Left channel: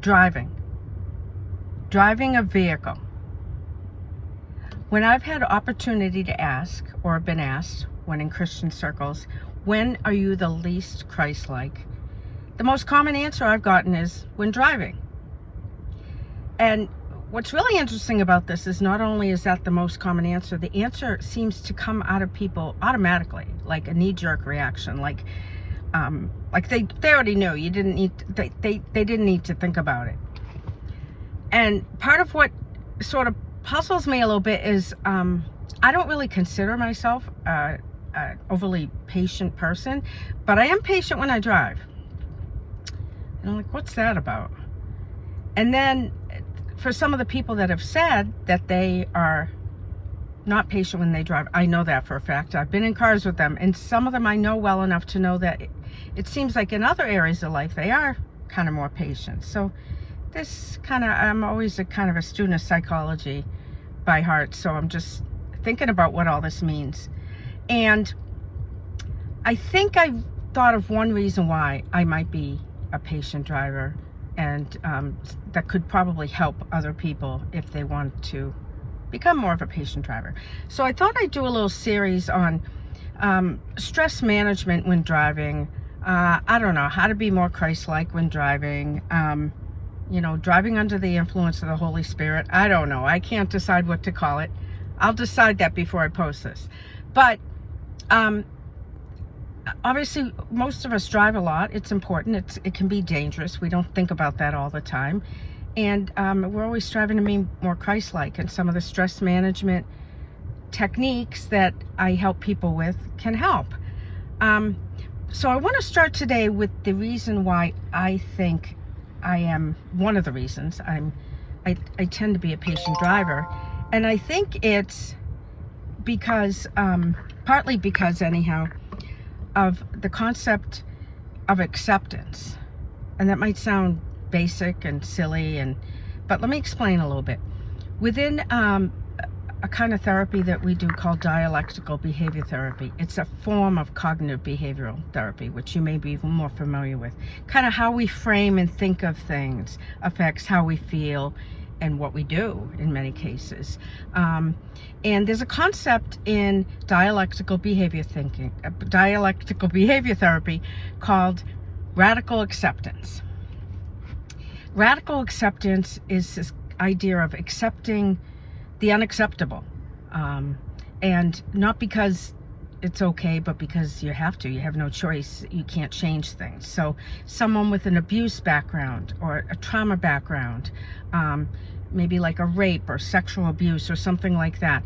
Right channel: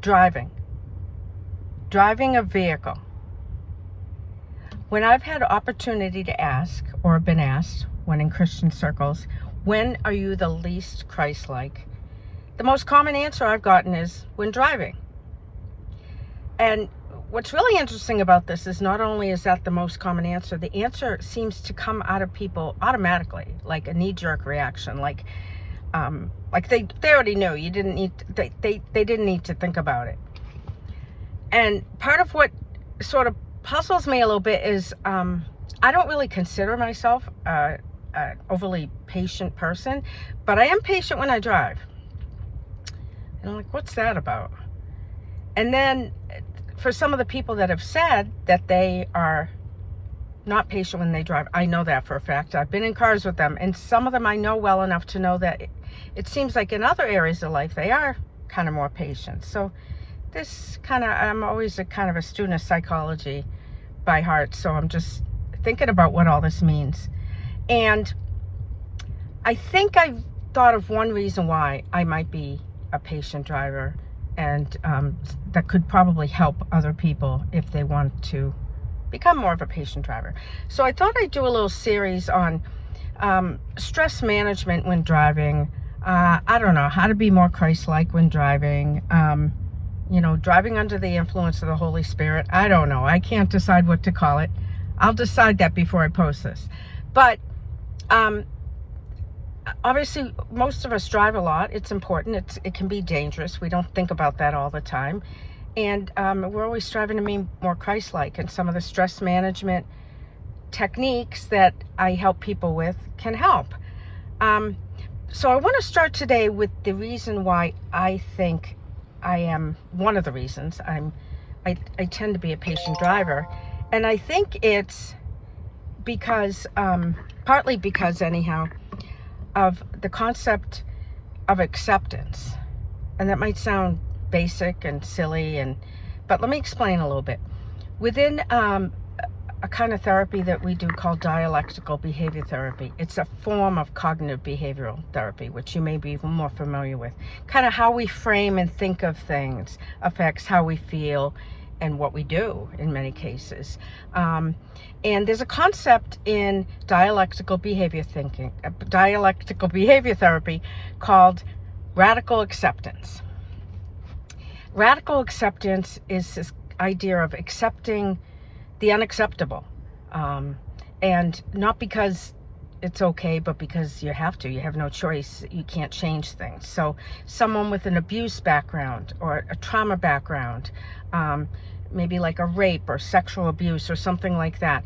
Driving a vehicle. When I've had opportunity to ask, or been asked, when in Christian circles, when are you the least Christ-like? The most common answer I've gotten is when driving. And what's really interesting about this is not only is that the most common answer, the answer seems to come out of people automatically, like a knee-jerk reaction, like they already knew. You didn't need they didn't need to think about it. And part of what sort of puzzles me a little bit is I don't really consider myself an overly patient person, but I am patient when I drive. And I'm like, what's that about? And then for some of the people that have said that they are not patient when they drive, I know that for a fact. I've been in cars with them, and some of them I know well enough to know that it seems like in other areas of life they are kind of more patient. So I'm always a kind of a student of psychology by heart, so I'm just thinking about what all this means. And I think I've thought of one reason why I might be a patient driver, and that could probably help other people if they want to become more of a patient driver. So I thought I'd do a little series on stress management when driving. I don't know, how to be more Christ-like when driving. Driving under the influence of the Holy Spirit. I don't know. I can't decide what to call it. I'll decide that before I post this. But obviously, most of us drive a lot. It's important. It can be dangerous. We don't think about that all the time. And we're always striving to be more Christ-like. And some of the stress management techniques that I help people with can help. So I want to start today with the reason why I think one of the reasons I tend to be a patient driver. And I think it's because, partly because anyhow, of the concept of acceptance. And that might sound basic and silly, but let me explain a little bit. Within a kind of therapy that we do called dialectical behavior therapy, it's a form of cognitive behavioral therapy, which you may be more familiar with. Kind of how we frame and think of things affects how we feel and what we do in many cases. And there's a concept in dialectical behavior therapy called radical acceptance. Radical acceptance is this idea of accepting the unacceptable, and not because it's okay, but because you have to. You have no choice. You can't change things. So someone with an abuse background or a trauma background, maybe like a rape or sexual abuse or something like that,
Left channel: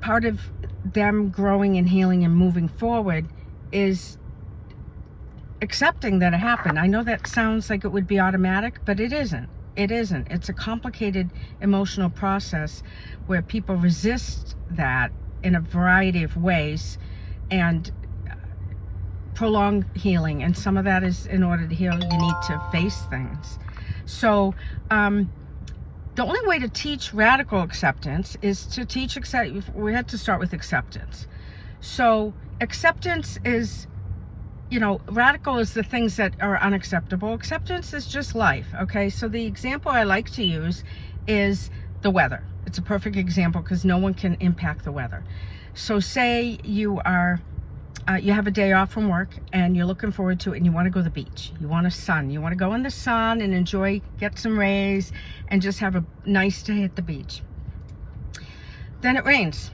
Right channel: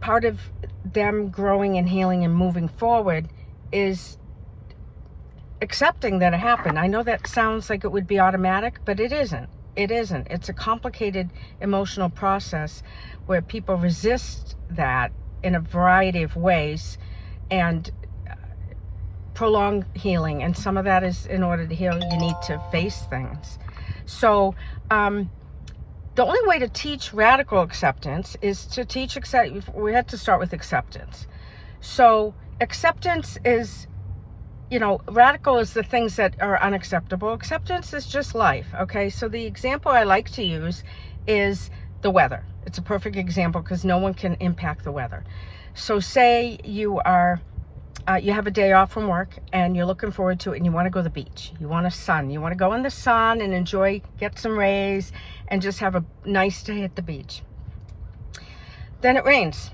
part of them growing and healing and moving forward is accepting that it happened. I know that sounds like it would be automatic, but it isn't. It isn't. It's a complicated emotional process where people resist that in a variety of ways and prolong healing. And some of that is, in order to heal, you need to face things. So the only way to teach radical acceptance is to teach we have to start with acceptance. So acceptance is, radical is the things that are unacceptable. Acceptance is just life, okay? So the example I like to use is the weather. It's a perfect example because no one can impact the weather. So say you have a day off from work and you're looking forward to it and you want to go to the beach. You want you want to go in the sun and enjoy, get some rays and just have a nice day at the beach. Then it rains.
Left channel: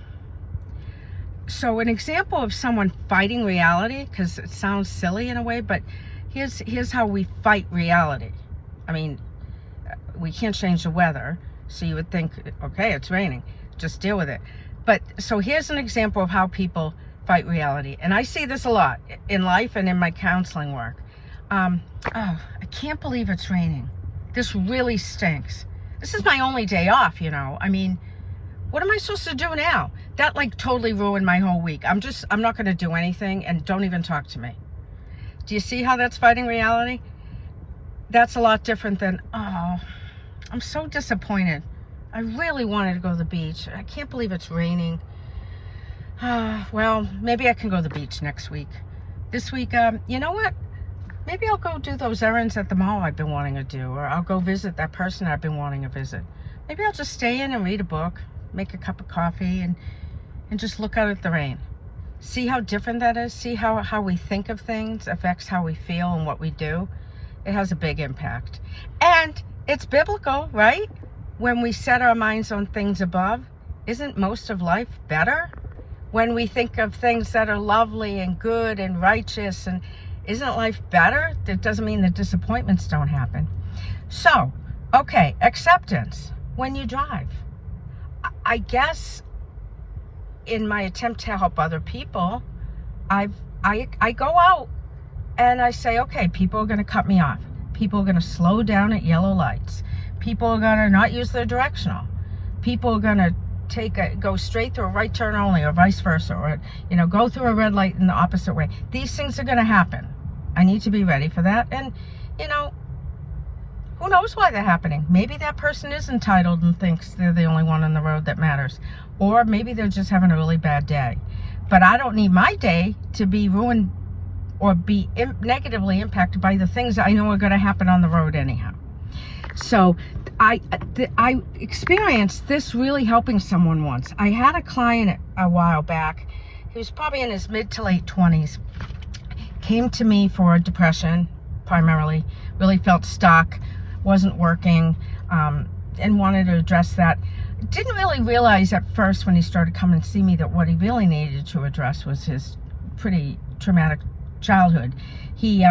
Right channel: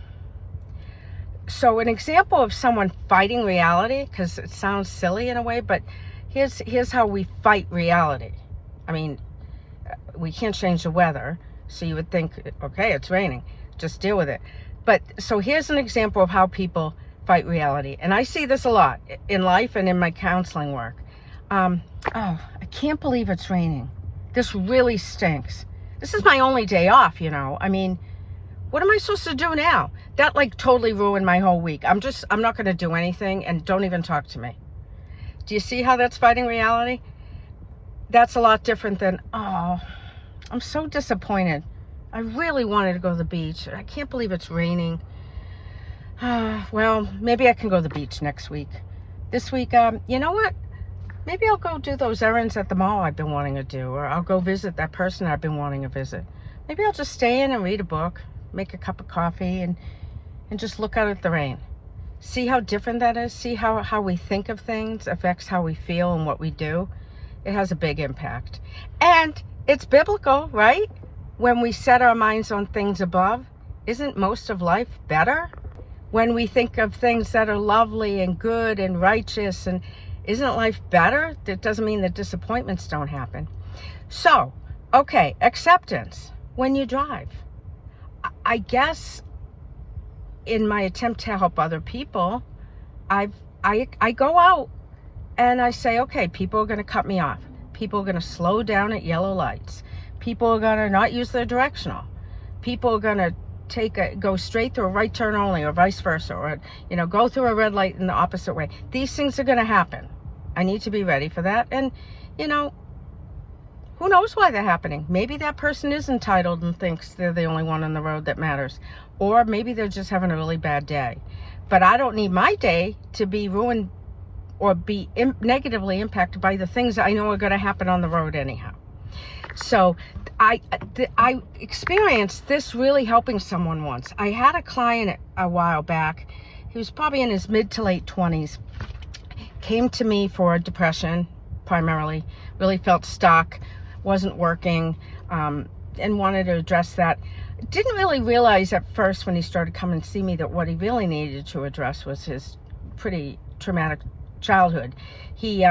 So an example of someone fighting reality, because it sounds silly in a way, but here's how we fight reality. I mean, we can't change the weather, so you would think, okay, it's raining, just deal with it. But so here's an example of how people fight reality, and I see this a lot in life and in my counseling work. I can't believe it's raining. This really stinks. This is my only day off, I mean, what am I supposed to do now? That totally ruined my whole week. I'm not going to do anything, and don't even talk to me. Do you see how that's fighting reality? That's a lot different than, oh, I'm so disappointed. I really wanted to go to the beach. I can't believe it's raining. Well, maybe I can go to the beach next week. This week, you know what? Maybe I'll go do those errands at the mall I've been wanting to do, or I'll go visit that person I've been wanting to visit. Maybe I'll just stay in and read a book, make a cup of coffee, and just look out at the rain. See how different that is? See how we think of things affects how we feel and what we do? It has a big impact. And it's biblical, right? When we set our minds on things above, isn't most of life better? When we think of things that are lovely and good and righteous, and isn't life better? That doesn't mean that disappointments don't happen. So, okay, acceptance when you drive. I guess in my attempt to help other people, I go out and I say, okay, people are going to cut me off. People are going to slow down at yellow lights. People are going to not use their directional. People are going to go straight through a right turn only, or vice versa, or go through a red light in the opposite way. These things are going to happen. I need to be ready for that. And who knows why they're happening? Maybe that person is entitled and thinks they're the only one on the road that matters, or maybe they're just having a really bad day. But I don't need my day to be ruined or be negatively impacted by the things I know are going to happen on the road anyhow. So I experienced this really helping someone once. I had a client a while back. He was probably in his mid to late 20s. Came to me for depression, primarily. Really felt stuck, wasn't working, and wanted to address that. Didn't really realize at first when he started coming to see me that what he really needed to address was his pretty traumatic childhood. He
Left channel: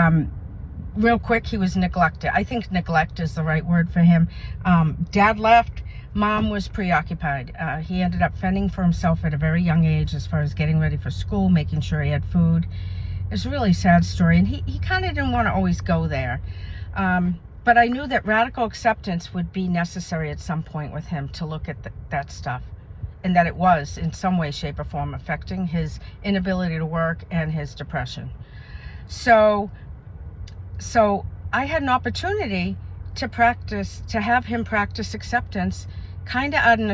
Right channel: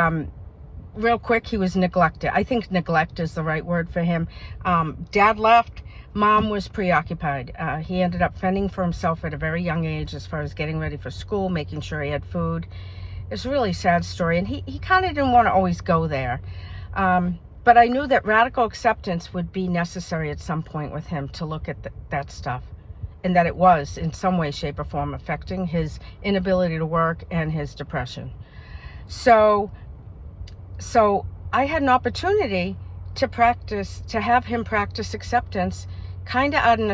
real quick, he was neglected. I think neglect is the right word for him. Dad left, mom was preoccupied. He ended up fending for himself at a very young age as far as getting ready for school, making sure he had food. It's a really sad story, and he kind of didn't want to always go there. But I knew that radical acceptance would be necessary at some point with him to look at that stuff, and that it was in some way, shape, or form affecting his inability to work and his depression. So I had an opportunity to have him practice acceptance, kind of out of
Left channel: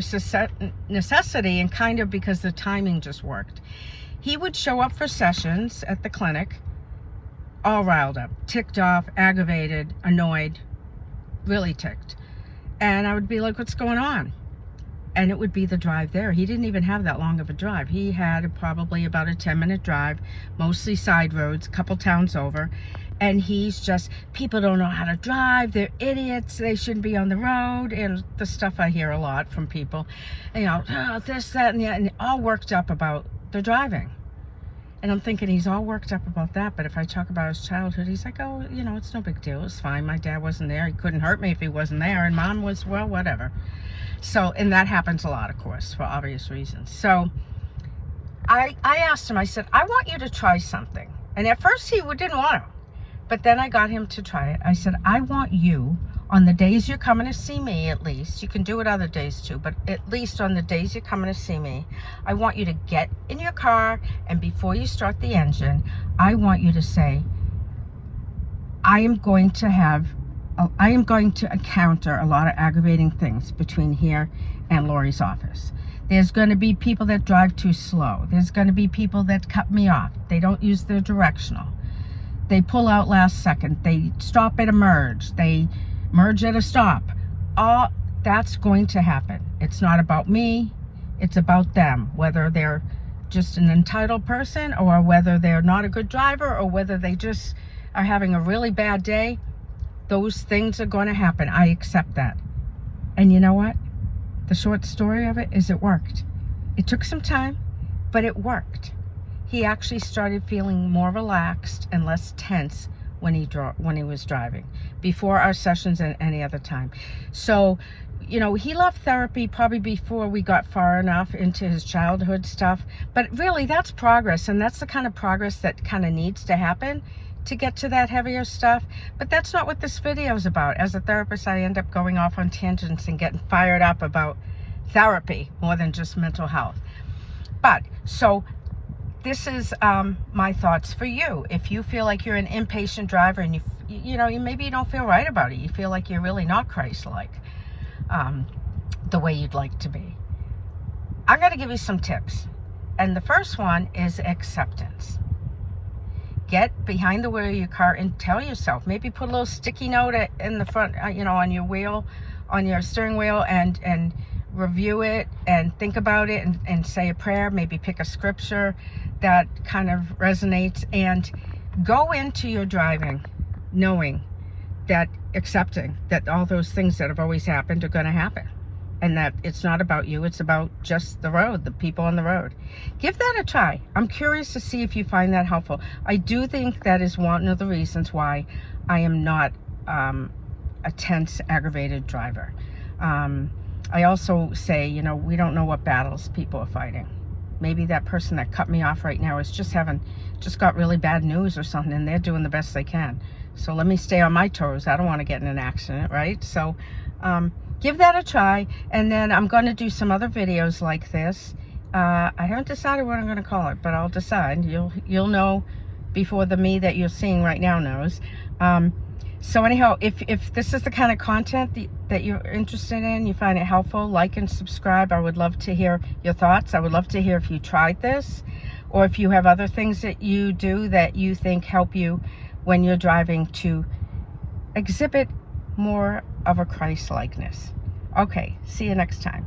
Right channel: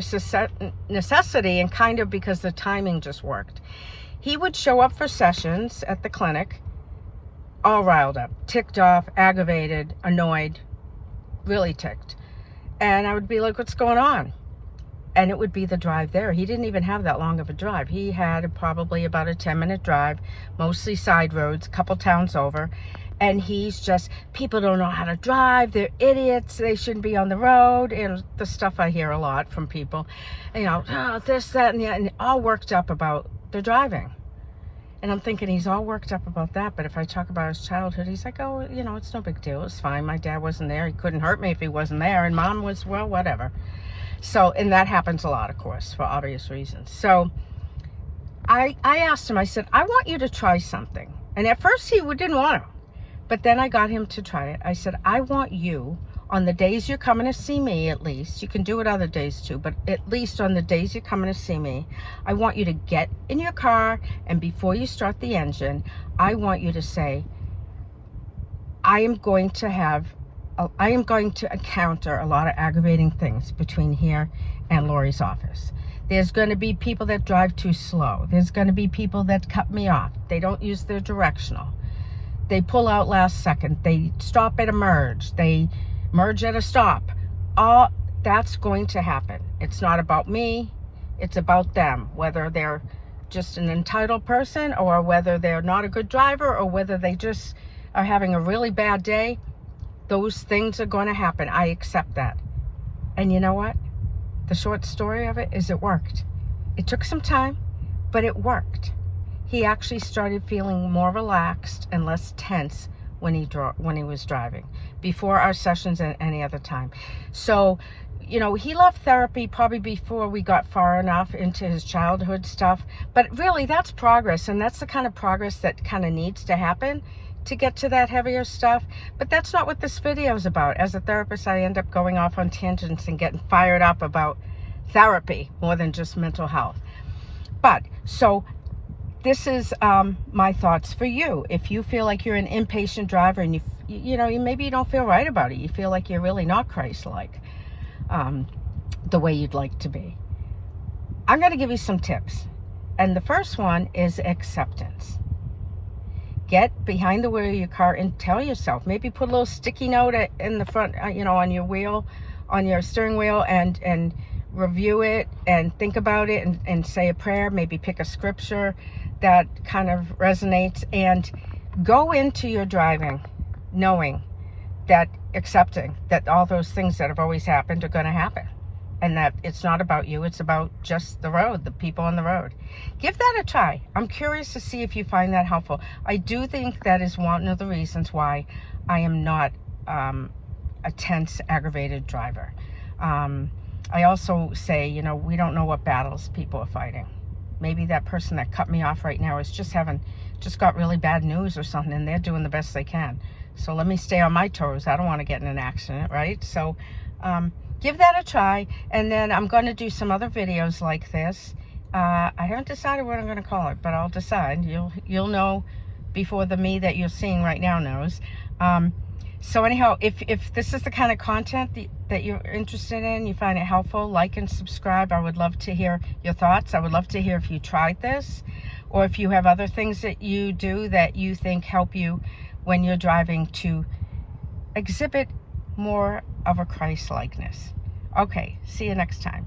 necessity and kind of because the timing just worked. He would show up for sessions at the clinic, all riled up, ticked off, aggravated, annoyed, really ticked. And I would be like, what's going on? And it would be the drive there. He didn't even have that long of a drive. He had probably about a 10-minute drive, mostly side roads, a couple towns over. And he's just, people don't know how to drive, they're idiots, they shouldn't be on the road, and the stuff I hear a lot from people, this, that, and that, and all worked up about their driving. And I'm thinking he's all worked up about that, but if I talk about his childhood, he's like, oh, it's no big deal, it's fine, my dad wasn't there, he couldn't hurt me if he wasn't there, and mom was, well, whatever. So, and that happens a lot, of course, for obvious reasons. So I asked him, I said, I want you to try something. And at first he didn't want to. But then I got him to try it. I said, I want you, on the days you're coming to see me at least, you can do it other days too, but at least on the days you're coming to see me, I want you to get in your car, and before you start the engine, I want you to say, I am going to encounter a lot of aggravating things between here and Lori's office. There's going to be people that drive too slow. There's going to be people that cut me off. They don't use their directional. They pull out last second. They stop at a merge. They merge at a stop. All that's going to happen. It's not about me. It's about them. Whether they're just an entitled person, or whether they're not a good driver, or whether they just are having a really bad day, those things are going to happen. I accept that. And you know what? The short story of it is it worked. It took some time, but it worked. He actually started feeling more relaxed and less tense when he was driving, before our sessions and any other time. So, he left therapy probably before we got far enough into his childhood stuff. But really, that's progress, and that's the kind of progress that kind of needs to happen to get to that heavier stuff. But that's not what this video is about. As a therapist, I end up going off on tangents and getting fired up about therapy more than just mental health. But, so this is my thoughts for you. If you feel like you're an impatient driver and maybe you don't feel right about it, you feel like you're really not Christ-like the way you'd like to be, I'm going to give you some tips. And the first one is acceptance. get behind the wheel of your car and tell yourself, maybe put a little sticky note in the front, on your wheel, on your steering wheel, and review it and think about it, and say a prayer, maybe pick a scripture that kind of resonates, and go into your driving knowing that, accepting that all those things that have always happened are going to happen, and that it's not about you, it's about just the road, the people on the road. Give that a try. I'm curious to see if you find that helpful. I do think that is one of the reasons why I am not a tense, aggravated driver. I also say, we don't know what battles people are fighting. Maybe that person that cut me off right now is just got really bad news or something, and they're doing the best they can. So let me stay on my toes. I don't want to get in an accident, right? So give that a try, and then I'm going to do some other videos like this. I haven't decided what I'm going to call it, but I'll decide. You'll know before the me that you're seeing right now knows. So anyhow, if this is the kind of content that you're interested in, you find it helpful, like and subscribe. I would love to hear your thoughts. I would love to hear if you tried this, or if you have other things that you do that you think help you when you're driving to exhibit more of a Christ-likeness. Okay, see you next time.